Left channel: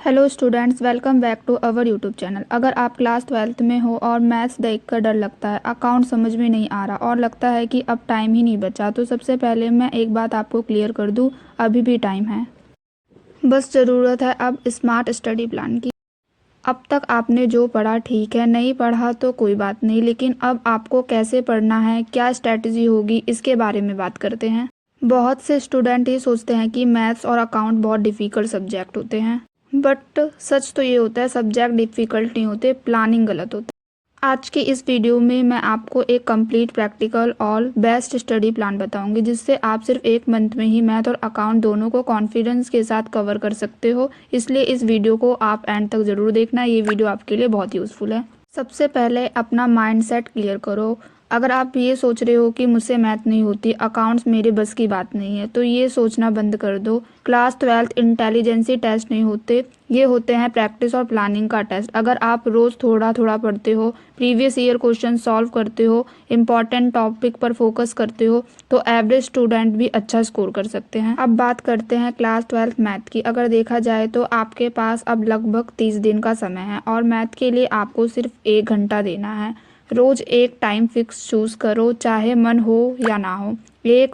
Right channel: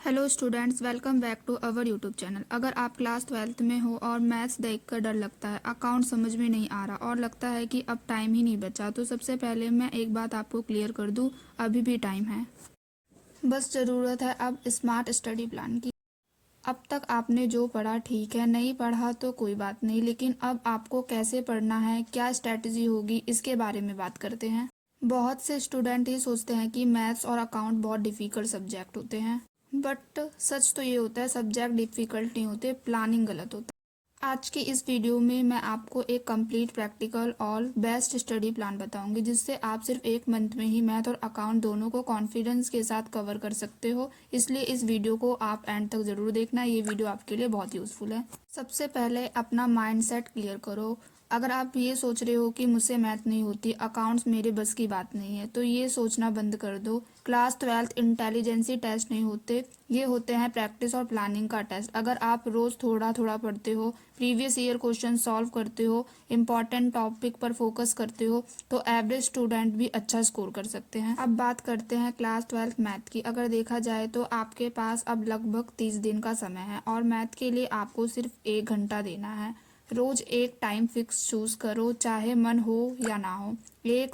Hello students, welcome back to our YouTube channel. अगर आप class 12th में हो और मैथ्स देखकर डर लगता है, अकाउंट समझ में नहीं आ रहा और लगता है कि अब टाइम ही नहीं बचा, तो सबसे पहले मैं एक बात आपको क्लियर कर दूं, अभी भी टाइम है। बस ज़रूरत है अब स्मार्ट स्टडी प्लान की। अब तक आपने जो पढ़ा ठीक है, नहीं पढ़ा तो कोई बात नहीं, लेकिन अब आपको कैसे पढ़ना है, क्या स्ट्रैटेजी होगी, इसके बारे में बात करते हैं। बहुत से स्टूडेंट ये सोचते हैं कि मैथ्स और अकाउंट बहुत डिफ़िकल्ट सब्जेक्ट होते हैं, बट सच तो ये होता है सब्जेक्ट डिफ़िकल्ट नहीं होते, प्लानिंग गलत होती है। आज की इस वीडियो में मैं आपको एक कंप्लीट प्रैक्टिकल और बेस्ट स्टडी प्लान बताऊंगी, जिससे आप सिर्फ एक मंथ में ही मैथ और अकाउंट दोनों को कॉन्फिडेंस के साथ कवर कर सकते हो। इसलिए इस वीडियो को आप एंड तक ज़रूर देखना, ये वीडियो आपके लिए बहुत यूज़फुल है। सबसे पहले अपना माइंडसेट क्लियर करो। अगर आप ये सोच रहे हो कि मुझसे मैथ नहीं होती, अकाउंट्स मेरे बस की बात नहीं है, तो ये सोचना बंद कर दो। क्लास 12th इंटेलिजेंसी टेस्ट नहीं होते, ये होते हैं प्रैक्टिस और प्लानिंग का टेस्ट। अगर आप रोज़ थोड़ा थोड़ा पढ़ते हो, प्रीवियस ईयर क्वेश्चन सॉल्व करते हो, इम्पॉर्टेंट टॉपिक पर फोकस करते हो, तो एवरेज स्टूडेंट भी अच्छा स्कोर कर सकते हैं। अब बात करते हैं क्लास 12th मैथ की। अगर देखा जाए तो आपके पास अब लगभग 30 दिन का समय है और मैथ के लिए आपको सिर्फ 1 घंटा देना है। रोज़ एक टाइम फिक्स चूज़ करो, चाहे मन हो या ना हो। 1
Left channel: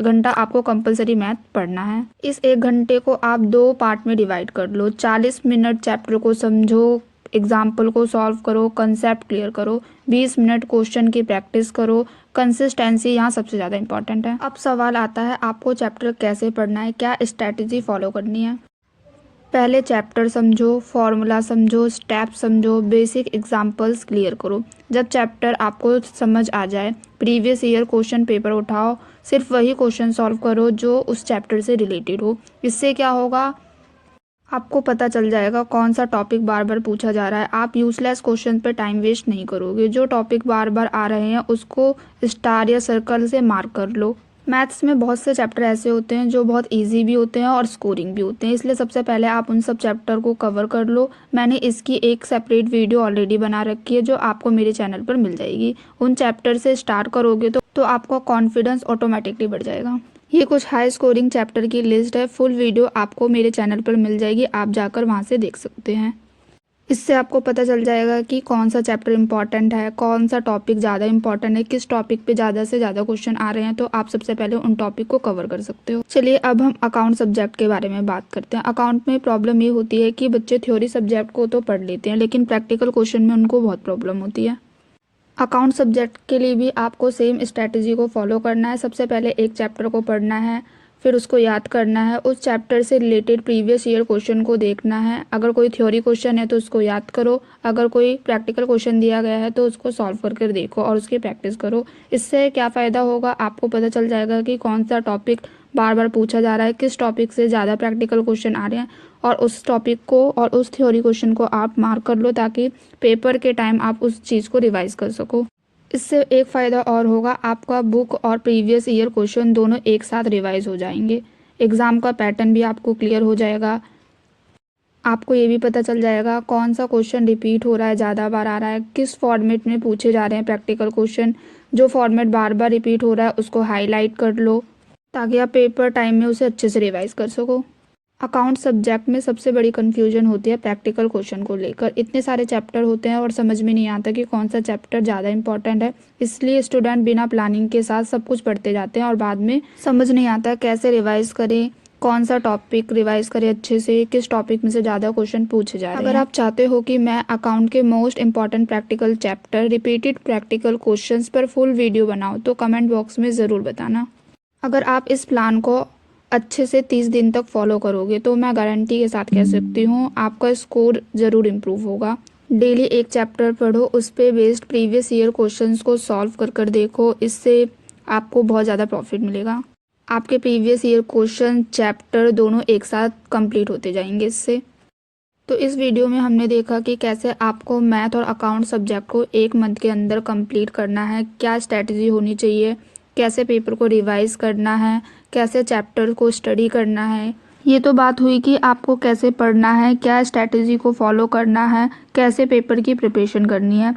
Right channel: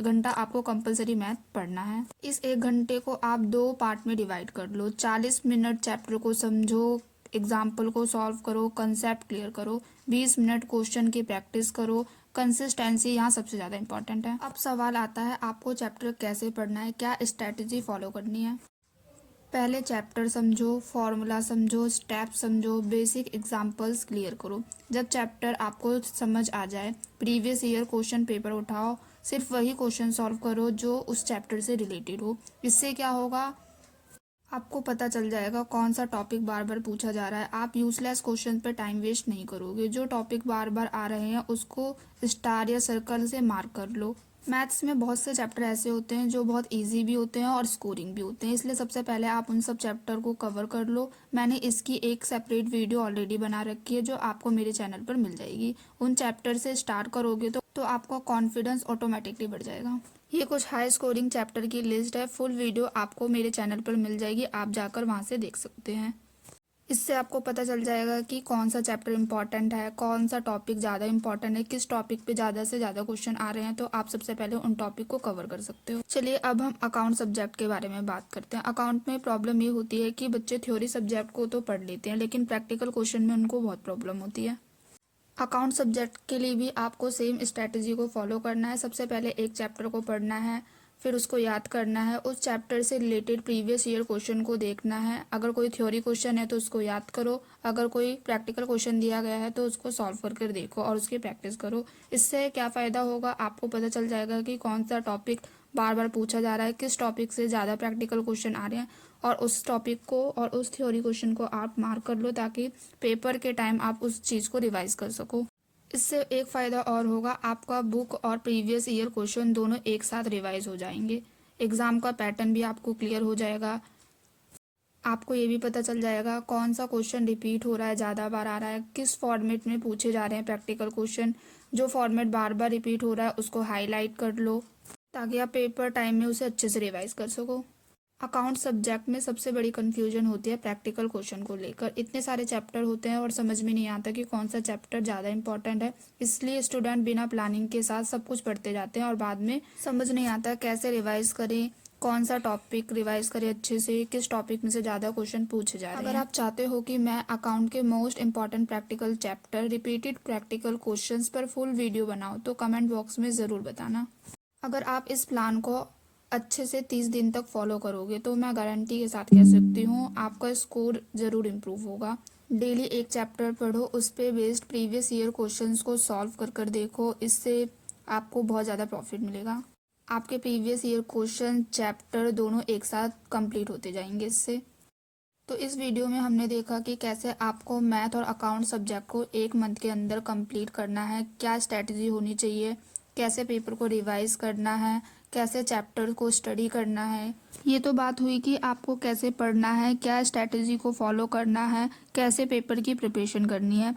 घंटा आपको कंपलसरी मैथ पढ़ना है। इस 1 घंटे को आप 2 पार्ट में डिवाइड कर लो। 40 मिनट चैप्टर को समझो, एग्जाम्पल को सॉल्व करो, कंसेप्ट क्लियर करो। 20 मिनट क्वेश्चन की प्रैक्टिस करो। कंसिस्टेंसी यहाँ सबसे ज़्यादा इंपॉर्टेंट है। अब सवाल आता है, आपको चैप्टर कैसे पढ़ना है, क्या स्ट्रैटेजी फॉलो करनी है। पहले चैप्टर समझो, फॉर्मूला समझो, स्टेप समझो, बेसिक एग्जांपल्स क्लियर करो। जब चैप्टर आपको समझ आ जाए, प्रीवियस ईयर क्वेश्चन पेपर उठाओ, सिर्फ वही क्वेश्चन सॉल्व करो जो उस चैप्टर से रिलेटेड हो। इससे क्या होगा, आपको पता चल जाएगा कौन सा टॉपिक बार बार पूछा जा रहा है। आप यूजलेस क्वेश्चन पे टाइम वेस्ट नहीं करोगे। जो टॉपिक बार बार आ रहे हैं उसको स्टार या सर्कल से मार्क कर लो। मैथ्स में बहुत से चैप्टर ऐसे होते हैं जो बहुत इजी भी होते हैं और स्कोरिंग भी होते हैं, इसलिए सबसे पहले आप उन सब चैप्टर को कवर कर लो। मैंने इसकी एक सेपरेट वीडियो ऑलरेडी बना रखी है जो आपको मेरे चैनल पर मिल जाएगी। उन चैप्टर से स्टार्ट करोगे तो आपका कॉन्फिडेंस ऑटोमेटिकली बढ़ जाएगा। ये कुछ हाई स्कोरिंग चैप्टर की लिस्ट है, फुल वीडियो आपको मेरे चैनल पर मिल जाएगी, आप जाकर वहाँ से देख सकते हैं। इससे आपको पता चल जाएगा कि कौन सा चैप्टर इंपॉर्टेंट है, कौन सा टॉपिक ज़्यादा इंपॉर्टेंट है, किस टॉपिक पे ज़्यादा से ज़्यादा क्वेश्चन आ रहे हैं, तो आप सबसे पहले उन टॉपिक को कवर कर सकते हो। चलिए अब हम अकाउंट सब्जेक्ट के बारे में बात करते हैं। अकाउंट में प्रॉब्लम ये होती है कि बच्चे थ्योरी सब्जेक्ट को तो पढ़ लेते हैं, लेकिन प्रैक्टिकल क्वेश्चन में उनको बहुत प्रॉब्लम होती है। अकाउंट सब्जेक्ट के लिए भी आपको सेम स्ट्रैटेजी को फॉलो करना है। सबसे पहले एक चैप्टर को पढ़ना है, फिर उसको याद करना है, उस चैप्टर से रिलेटेड प्रीवियस ईयर क्वेश्चन को देखना है। अगर कोई थ्योरी क्वेश्चन है तो उसको याद करो, अगर कोई प्रैक्टिकल क्वेश्चन दिया गया है तो उसको सॉल्व करके देखो और उसकी प्रैक्टिस करो। इससे क्या फ़ायदा होगा, आपको पता चल जाएगा कि कौन सा टॉपिक बार बार पूछा जा रहा है, किस टॉपिक से ज़्यादा प्रैक्टिकल क्वेश्चन आ रहे हैं, और उस टॉपिक को और उस थ्योरी क्वेश्चन को आप मार्क कर लो ताकि पेपर के टाइम आप उस चीज़ को रिवाइज कर सको। इससे एक फ़ायदा और होगा, आपका बुक और प्रीवियस ईयर क्वेश्चन दोनों एक साथ रिवाइज हो जाएंगे। एग्ज़ाम का पैटर्न भी आपको क्लियर हो जाएगा। आपको ये भी पता चल जाएगा कौन सा क्वेश्चन रिपीट हो रहा है, ज़्यादा बार आ रहा है, किस फॉर्मेट में पूछे जा रहे हैं प्रैक्टिकल क्वेश्चन। जो फॉर्मेट बार बार रिपीट हो रहा है उसको हाईलाइट कर लो ताकि आप पेपर टाइम में उसे अच्छे से रिवाइज कर सको। अकाउंट सब्जेक्ट में सबसे बड़ी कन्फ्यूजन होती है प्रैक्टिकल क्वेश्चन को लेकर। इतने सारे चैप्टर होते हैं और समझ में नहीं आता कि कौन सा चैप्टर ज़्यादा इंपॉर्टेंट है, इसलिए स्टूडेंट बिना प्लानिंग के साथ सब कुछ पढ़ते जाते हैं और बाद में समझ नहीं आता कैसे रिवाइज करें, कौन सा टॉपिक रिवाइज करें अच्छे से, किस टॉपिक में से ज़्यादा क्वेश्चन पूछे जा रहे हैं। अगर आप चाहते हो कि मैं अकाउंट के most important practical chapter, repeated practical questions पर फुल वीडियो बनाऊँ तो कमेंट बॉक्स में ज़रूर बताना। अगर आप इस प्लान को अच्छे से 30 दिन तक फॉलो करोगे तो मैं गारंटी के साथ कह सकती हूँ आपका स्कोर ज़रूर इम्प्रूव होगा। डेली एक चैप्टर पढ़ो, उस पे बेस्ड प्रीवियस ईयर क्वेश्चंस को सॉल्व कर कर देखो, इससे आपको बहुत ज़्यादा प्रॉफिट मिलेगा। आपके प्रीवियस ईयर क्वेश्चन चैप्टर दोनों एक साथ कंप्लीट होते जाएंगे इससे। तो इस वीडियो में हमने देखा कि कैसे आपको मैथ और अकाउंट सब्जेक्ट को एक मंथ के अंदर कंप्लीट करना है, क्या स्ट्रैटेजी होनी चाहिए, कैसे पेपर को रिवाइज करना है, कैसे चैप्टर को स्टडी करना है। ये तो बात हुई कि आपको कैसे पढ़ना है, क्या स्ट्रैटेजी को फॉलो करना है, कैसे पेपर की प्रिपरेशन करनी है।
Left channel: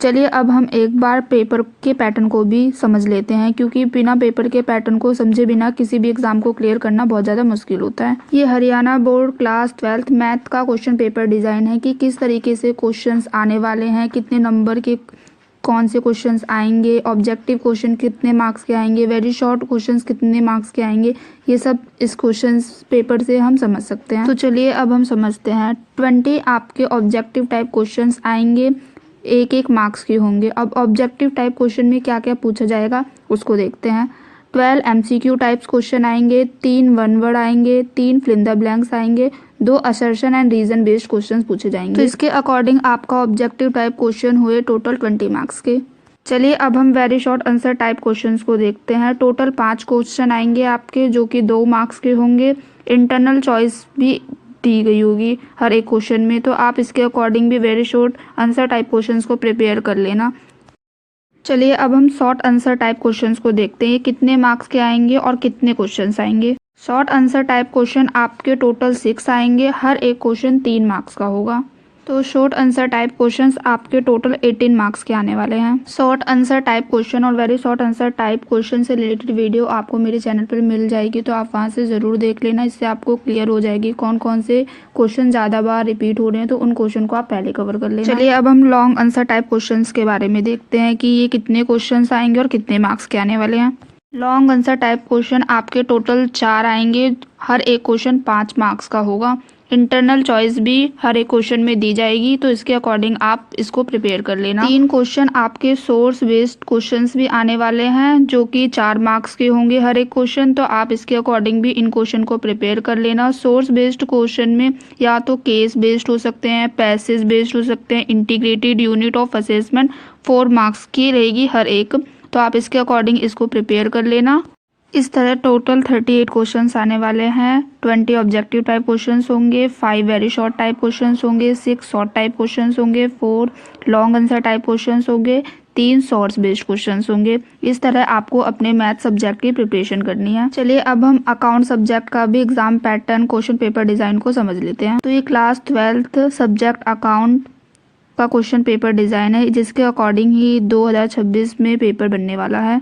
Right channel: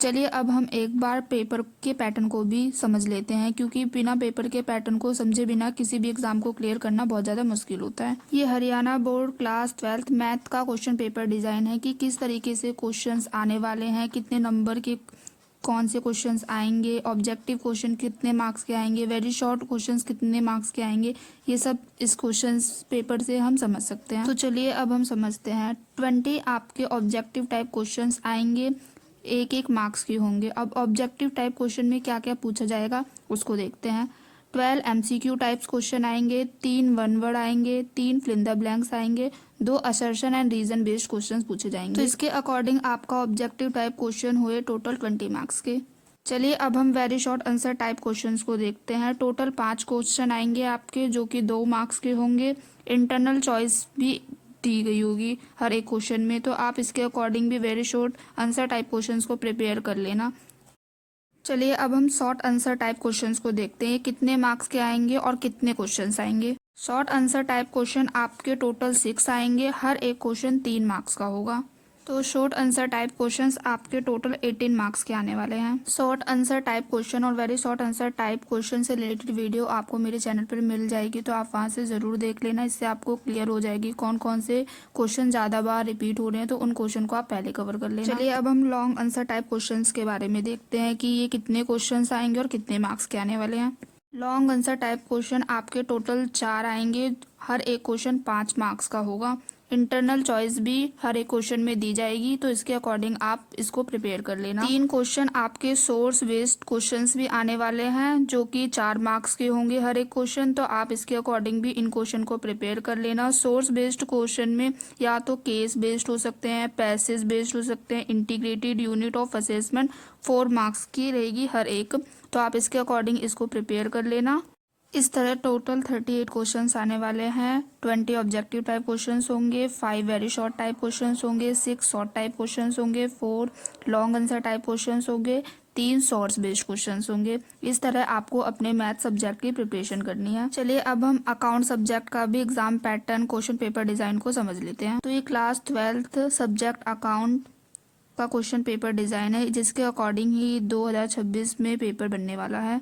चलिए अब हम एक बार पेपर के पैटर्न को भी समझ लेते हैं, क्योंकि बिना पेपर के पैटर्न को समझे बिना किसी भी एग्जाम को क्लियर करना बहुत ज़्यादा मुश्किल होता है। ये Haryana board class 12th math का क्वेश्चन पेपर डिज़ाइन है कि किस तरीके से क्वेश्चंस आने वाले हैं, कितने नंबर के कौन से क्वेश्चंस आएंगे, ऑब्जेक्टिव क्वेश्चन कितने मार्क्स के आएंगे, वेरी शॉर्ट क्वेश्चंस कितने मार्क्स के आएंगे, ये सब इस क्वेश्चंस पेपर से हम समझ सकते हैं। तो चलिए अब हम समझते हैं। 20 आपके ऑब्जेक्टिव टाइप क्वेश्चंस आएंगे, एक एक मार्क्स के होंगे। अब ऑब्जेक्टिव टाइप क्वेश्चन में क्या क्या पूछा जाएगा उसको देखते हैं। 12 MCQ टाइप्स क्वेश्चन आएंगे, 3 वन वर्ड आएंगे, 3 फिल इन द ब्लैंक्स आएंगे, 2 assertion and reason based questions पूछे जाएंगे। तो इसके अकॉर्डिंग आपका ऑब्जेक्टिव टाइप क्वेश्चन हुए टोटल 20 मार्क्स के। चलिए अब हम very short answer type questions को देखते हैं। टोटल 5 क्वेश्चन आएंगे आपके, जो कि 2 मार्क्स के होंगे। इंटरनल चॉइस भी दी गई होगी हर एक क्वेश्चन में, तो आप इसके अकॉर्डिंग भी very short answer type questions को प्रिपेयर कर लेना। चलिए अब हम शॉर्ट आंसर टाइप क्वेश्चंस को देखते हैं, कितने मार्क्स के आएंगे और कितने क्वेश्चंस आएंगे। शॉर्ट आंसर टाइप क्वेश्चन आपके टोटल 6 आएंगे, हर एक क्वेश्चन 3 मार्क्स का होगा। तो शॉर्ट आंसर टाइप क्वेश्चंस आपके टोटल 18 मार्क्स के आने वाले हैं। शॉर्ट आंसर टाइप क्वेश्चन और very short answer type question से रिलेटेड वीडियो आपको मेरे चैनल पर मिल जाएगी, तो आप वहां से ज़रूर देख लेना। इससे आपको क्लियर हो जाएगी कौन कौन से क्वेश्चन ज़्यादा बार रिपीट हो रहे हैं, तो उन क्वेश्चन को आप पहले कवर कर लेना। चलिए अब हम लॉन्ग आंसर टाइप क्वेश्चन के बारे में देखते हैं कि ये कितने क्वेश्चन आएंगे और कितने मार्क्स के आने वाले हैं। लॉन्ग आंसर टाइप क्वेश्चन आपके टोटल 4 आएंगे, हर एक क्वेश्चन 5 मार्क्स का होगा। इंटरनल चॉइस भी हर एक क्वेश्चन में दी जाएगी, तो इसके अकॉर्डिंग आप इसको प्रिपेयर कर लेना। 3 क्वेश्चन आपके सोर्स बेस्ड क्वेश्चंस भी आने वाले हैं, जो कि 4 मार्क्स के होंगे हर एक क्वेश्चन, तो आप इसके अकॉर्डिंग भी इन क्वेश्चन को प्रिपेयर कर लेना। सोर्स बेस्ड क्वेश्चन में या तो केस बेस्ड हो सकते हैं, पैसेज बेस्ड हो सकते हैं, integrated unit of assessment 4 marks की रहेगी हर एक, तो आप इसके अकॉर्डिंग इसको प्रिपेयर कर लेना। इस तरह टोटल 38 क्वेश्चंस आने वाले हैं। 20 ऑब्जेक्टिव टाइप क्वेश्चंस होंगे, 5 वेरी शॉर्ट टाइप क्वेश्चंस होंगे, 6 शॉर्ट टाइप क्वेश्चंस होंगे, 4 लॉन्ग आंसर टाइप क्वेश्चंस होंगे, 3 सोर्स बेस्ड क्वेश्चंस होंगे। इस तरह आपको अपने मैथ सब्जेक्ट की प्रिपरेशन करनी है। चलिए अब हम अकाउंट सब्जेक्ट का भी exam pattern question paper design को समझ लेते हैं। तो ये क्लास 12th सब्जेक्ट अकाउंट का क्वेश्चन पेपर डिजाइन है, जिसके अकॉर्डिंग ही 2026 में पेपर बनने वाला है।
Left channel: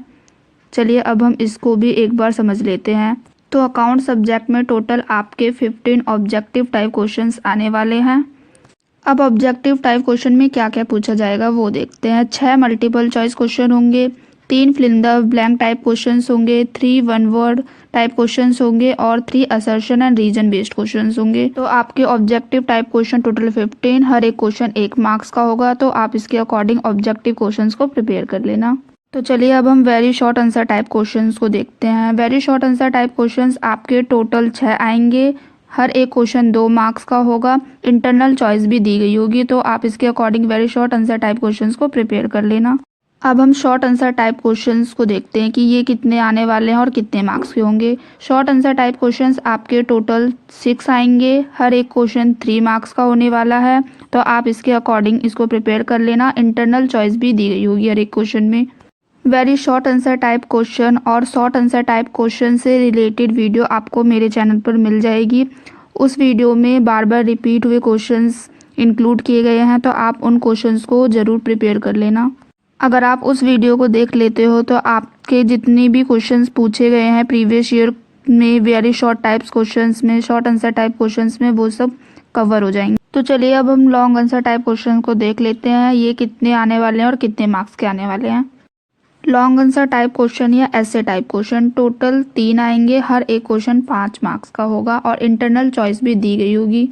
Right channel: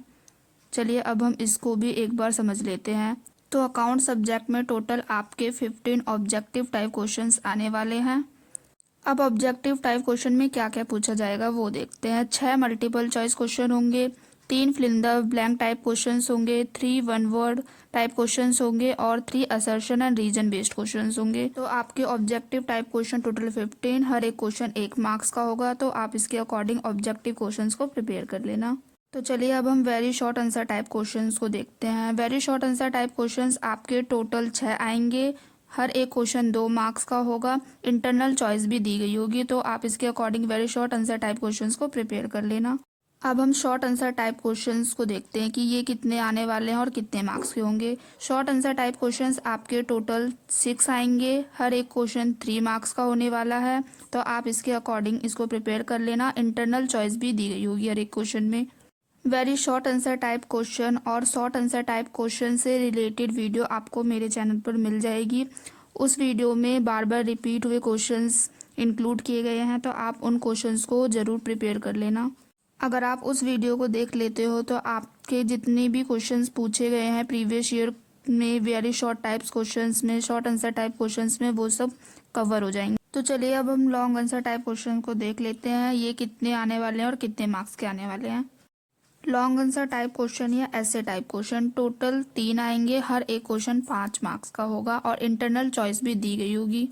चलिए अब हम इसको भी एक बार समझ लेते हैं। तो अकाउंट सब्जेक्ट में टोटल आपके 15 ऑब्जेक्टिव टाइप क्वेश्चंस आने वाले हैं। अब ऑब्जेक्टिव टाइप क्वेश्चन में क्या क्या पूछा जाएगा वो देखते हैं। 6 मल्टीपल चॉइस क्वेश्चन होंगे, 3 fill in the blank type questions होंगे, 3 वन वर्ड टाइप क्वेश्चंस होंगे और 3 assertion and reason based questions होंगे। तो आपके ऑब्जेक्टिव टाइप क्वेश्चन टोटल 15, हर एक क्वेश्चन 1 मार्क्स का होगा, तो आप इसके अकॉर्डिंग ऑब्जेक्टिव क्वेश्चंस को प्रिपेयर कर लेना। तो चलिए अब हम very short answer type questions को देखते हैं। Very short answer type questions आपके टोटल 6 आएंगे, हर एक क्वेश्चन 2 मार्क्स का होगा। इंटरनल चॉइस भी दी गई होगी, तो आप इसके according very short answer type questions को प्रिपेयर कर लेना। अब हम शॉर्ट आंसर टाइप क्वेश्चंस को देखते हैं कि ये कितने आने वाले हैं और कितने मार्क्स के होंगे। शॉर्ट आंसर टाइप क्वेश्चंस आपके टोटल 6 आएंगे, हर एक क्वेश्चन 3 मार्क्स का होने वाला है, तो आप इसके अकॉर्डिंग इसको प्रिपेयर कर लेना। इंटरनल चॉइस भी दी गई होगी हर एक क्वेश्चन में। Very short answer type question और शॉर्ट आंसर टाइप क्वेश्चन से रिलेटेड वीडियो आपको मेरे चैनल पर मिल जाएगी। उस वीडियो में बार बार रिपीट हुए क्वेश्चंस इंक्लूड किए गए हैं, तो आप उन क्वेश्चंस को ज़रूर प्रिपेयर कर लेना। अगर आप उस वीडियो को देख लेते हो तो आपके जितने भी क्वेश्चंस पूछे गए हैं प्रीवियस ईयर में वेरी शॉर्ट टाइप्स क्वेश्चंस में, शॉर्ट आंसर टाइप क्वेश्चंस में, वो सब कवर हो जाएंगे। तो चलिए अब हम लॉन्ग आंसर टाइप क्वेश्चन को देख लेते हैं, ये कितने आने वाले हैं और कितने मार्क्स के आने वाले हैं। लॉन्ग आंसर टाइप क्वेश्चन या ऐसे टाइप क्वेश्चन टोटल 3 आएंगे, हर एक क्वेश्चन 5 मार्क्स का होगा और इंटरनल चॉइस भी दी गई होगी,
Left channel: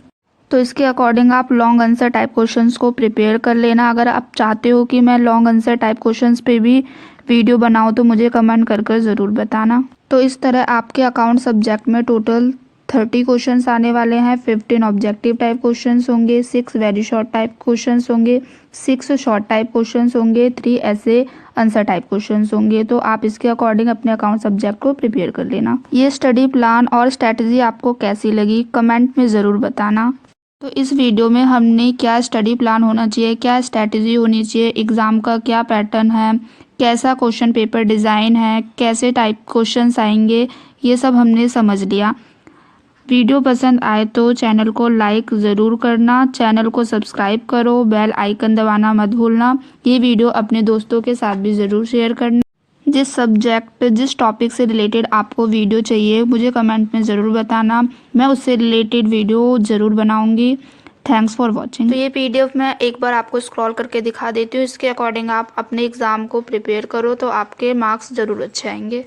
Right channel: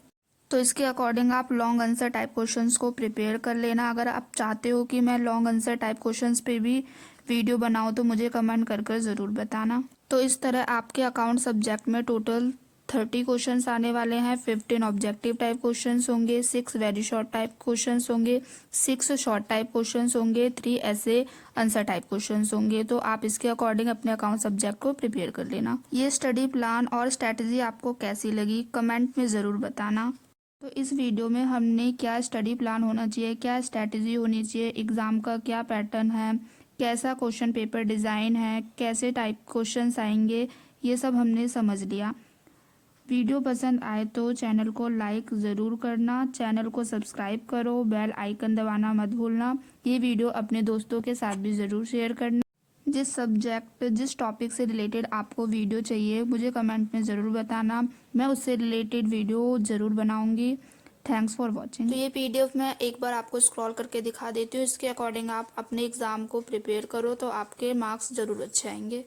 तो इसके अकॉर्डिंग आप लॉन्ग आंसर टाइप क्वेश्चंस को प्रिपेयर कर लेना। अगर आप चाहते हो कि मैं लॉन्ग आंसर टाइप क्वेश्चंस पे भी वीडियो बनाऊं तो मुझे कमेंट कर ज़रूर बताना। तो इस तरह आपके अकाउंट सब्जेक्ट में टोटल 30 क्वेश्चंस आने वाले हैं। 15 ऑब्जेक्टिव टाइप क्वेश्चंस होंगे, 6 वेरी शॉर्ट टाइप क्वेश्चंस होंगे, 6 शॉर्ट टाइप क्वेश्चंस होंगे, 3 ऐसे आंसर टाइप क्वेश्चंस होंगे, तो आप इसके अकॉर्डिंग अपने अकाउंट सब्जेक्ट को प्रिपेयर कर लेना। ये स्टडी प्लान और स्ट्रैटेजी आपको कैसी लगी कमेंट में ज़रूर बताना। तो इस वीडियो में हमने क्या स्टडी प्लान होना चाहिए, क्या स्ट्रैटेजी होनी चाहिए, एग्ज़ाम का क्या पैटर्न है, कैसा क्वेश्चन पेपर डिज़ाइन है, कैसे टाइप क्वेश्चंस आएंगे, ये सब हमने समझ लिया। वीडियो पसंद आए तो चैनल को लाइक ज़रूर करना, चैनल को सब्सक्राइब करो, बेल आइकन दबाना मत भूलना। ये वीडियो अपने दोस्तों के साथ भी ज़रूर शेयर करना। जिस टॉपिक से रिलेटेड आपको वीडियो चाहिए मुझे कमेंट में ज़रूर बताना, मैं उससे रिलेटेड वीडियो ज़रूर बनाऊंगी। Thanks for watching. तो ये PDF मैं एक बार आपको स्क्रॉल करके दिखा देती हूँ। इसके अकॉर्डिंग आप अपने एग्ज़ाम को प्रिपेयर करो तो आपके मार्क्स ज़रूर अच्छे आएंगे।